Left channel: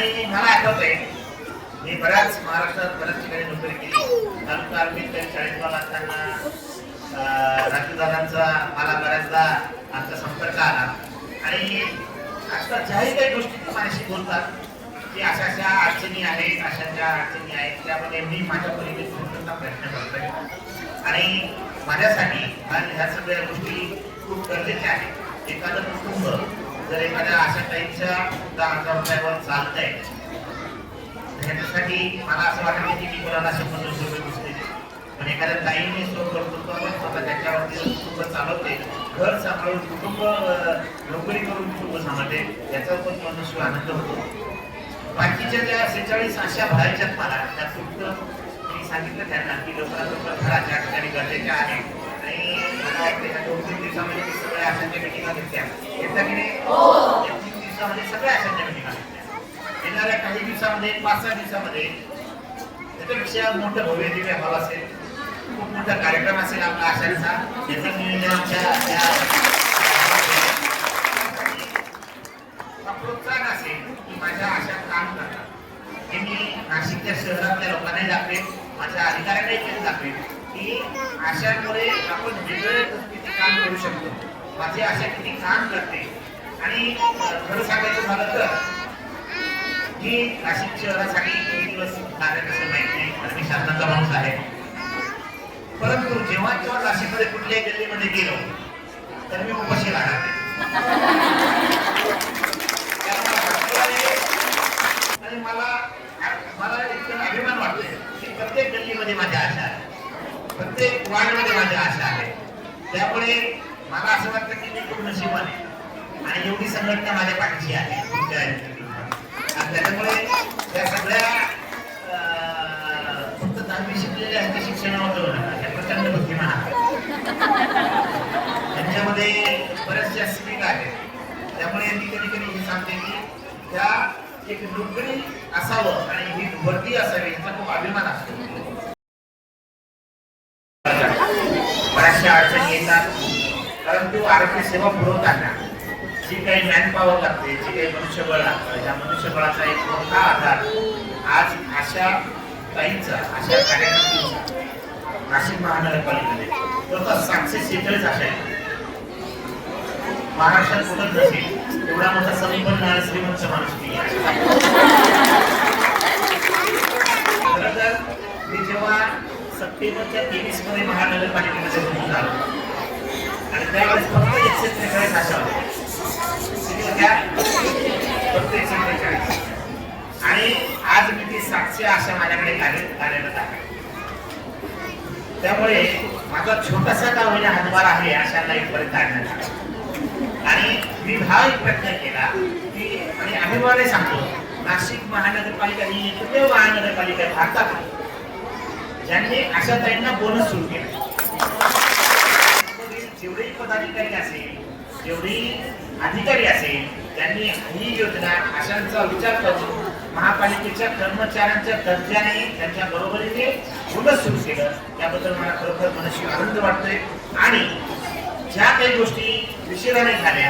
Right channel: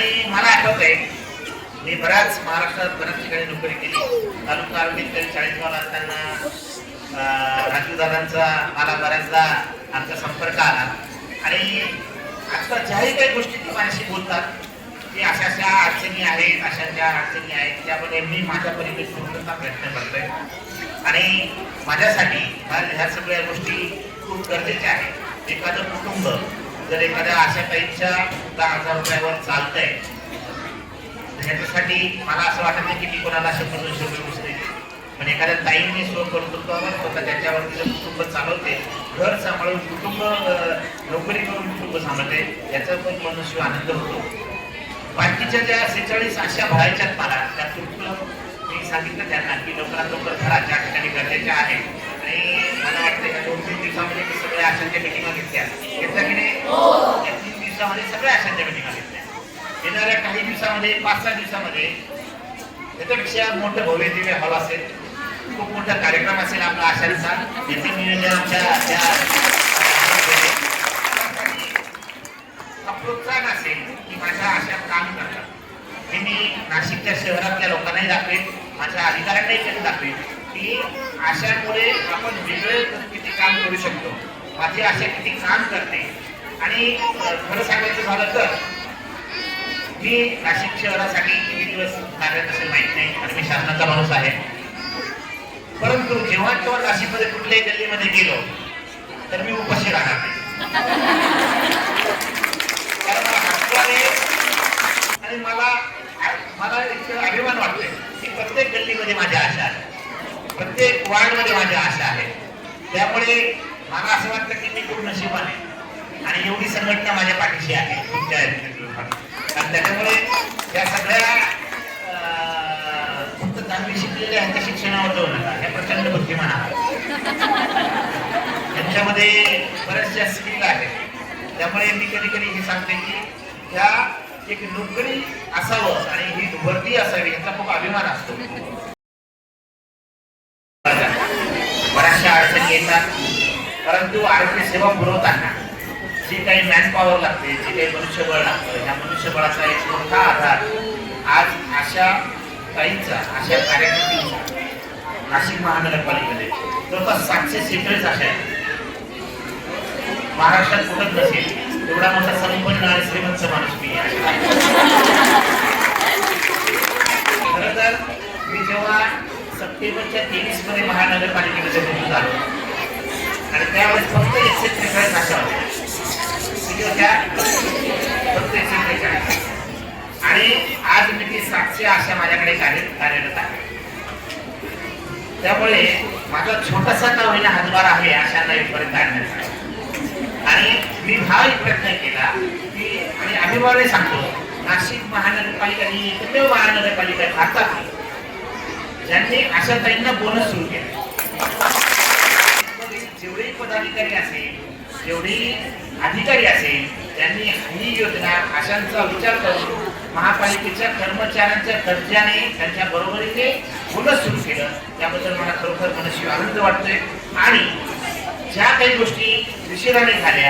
आणि मला आठवत आहे मी बऱ्याच महाराष्ट्रात बऱ्याच ठिकाणी नोकरी केली. तालुका आंबेडकर चाळीसगाव असताना राजू दादांचा मला बऱ्याचदा आमचा संपर्क आला. आणि आजकाल ज्याही काही गोष्टी ते माझ्याशी बोलतात की अशा अशा अडचणी आहेत अशा ज्या अडचणी आहेत त्यामध्ये मी माझ्या परीने पूर्णता प्रयत्न करतोय. आणि माझ्यासाठी ह्या सगळ्या गोष्टी खूप गरजेच्या आहेत. एखादं कुटुंब जर एखाद्या अशा काहीच्या दहा हजार रुपयावर चालतंय त्याच्यासाठी मला असं वाटत नाही की मी कोणाला शंभर दोनशे रुपये दुसरे. पण एखाद्या ताईने स्वकर्तृत्वाने स्वतः त्याच्यावरती कुटुंब चालवते घर सांभाळून कुटुंब नोकरी करून कुटुंब सांभाळते याचा पण मनुष्य आनंद होतो. बाकीच्या ज्या सेहेचाळीस अशा बाहेरच्या मला त्या कुटुंब मी सांगितलं त्यांना की लवकरात लवकर घराच्या ठिकाणी गरजेच्या आहेत. आणि मला वाटतं का दोन तीन दिवसामध्ये मी सगळ्या आशांच्या मिटिंगा घेतल्या घेतल्या की नाही या तीन दिवसामध्ये सगळ्या आशांच्या मिटिंगा घेतल्या येणाऱ्या काही दिवसामध्ये पाच सहा दिवसामध्ये त्याच्यापेक्षा मोठं भव्य दिव्य हॉल असेल खूप मोठा कार्यक्रम असेल आपला आशांचा याचं नियोजन आमच्या या प्रोत्साहन असेल की माझ्या आशा काम करणं हे मी नाशिकच्या शहरातल्या लोकांनाही दाखवेन माझ्या अधिकाऱ्यांनाही त्यांनी दाखवेन की आशांमुळे आपण वेगळे किती काम करू शकतो. माझी आशा किती काम करते. आणि खरं सांगायचं झालं तर मी नाशिक शहरासाठी किती दिवस कार्यरत असेल माहीत नाही. पण मी शासनाचा माणूस आहे. परंतु जेव्हा जेव्हा नाशिकमध्ये कुठल्याही गल्लीमध्ये गेलो तर मी उपाशी राहणार नाही. आणि मला मला इतकं अभिमान वाटतोय की प्रत्येक गल्लीमध्ये माझ्या आशा आहे. प्रत्येक वार्डमध्ये माझ्या आशा आहेत त्यामुळे मला असं वाटतं की मी खूप नशिबान आहे. आणि एवढी संघटना माझ्या पाठीशी आहे. आणि त्याच्यामुळे त्या सगळ्या फक्त चांगली शिकलेले आहेत त्या शिक्षणावर जाऊ नका. हे प्रचंड बुद्धिमान आहेत त्यांच्यामध्ये बऱ्याचशा स्किल आहेत. त्यामुळे मी कधी कधी हे सांगते की त्या एक नोकरी असावं आणि ही भरती असावी याचा खूप अभिमान असतो. बऱ्याचशा अडचणी येतात. परंतु आरोग्य सेवा पुरवताना जी काही मॅनपॉवर लागते जे काही मनुष्यबळ लागतं त्या मनुष्यबळाचा एक मोठा आधार आज अशा ताईंचा अशा कार्यासाठी नाशिक महानगरपालिकेने जवळपास सातशे सेहेचाळीस अशा आहेत. महाराष्ट्रात कुठंच नसेल एवढा मोठा संपन्न आणि श्रीमंत माणूस मी खरं तर मी जेव्हा सप्टेंबरच्या तेवीसमध्ये महानगरपालिकेमध्ये रुजू आणि त्यावेळेस फक्त एकशे त्रेचाळीस अशा फक्त एकशे त्रेचाळीस. आणि आज मी ती सातशे आशा माझ्याकडे कार्य कार्यरत आहे. त्यामुळे माझा छोटासा का होईना हातभार आहे अशांना इथपर्यंत आणण्याचा. आणि मी हा एक प्रयत्न केला की आणि अभिमाने सांगतो नाशिक महानगरपालिका ही एकमेव महानगरपालिका भारतात आहे ज्यांनी अशा ताईंना बोनस सुरू केला. पदाधिकारी असेल जेवढे अधिकारी असेल त्यांनी ही योजना अशांचा विचार करून महापालिकेच्या कर्मचाऱ्यांच्या दर्जाने त्यांच्या बरोबरीने बोनस सुरू केलं. त्याबद्दल मला खरोखर मनस्वी आनंद वाटतोय. आणि ज्या काही गोष्टी उशिराने झाल्या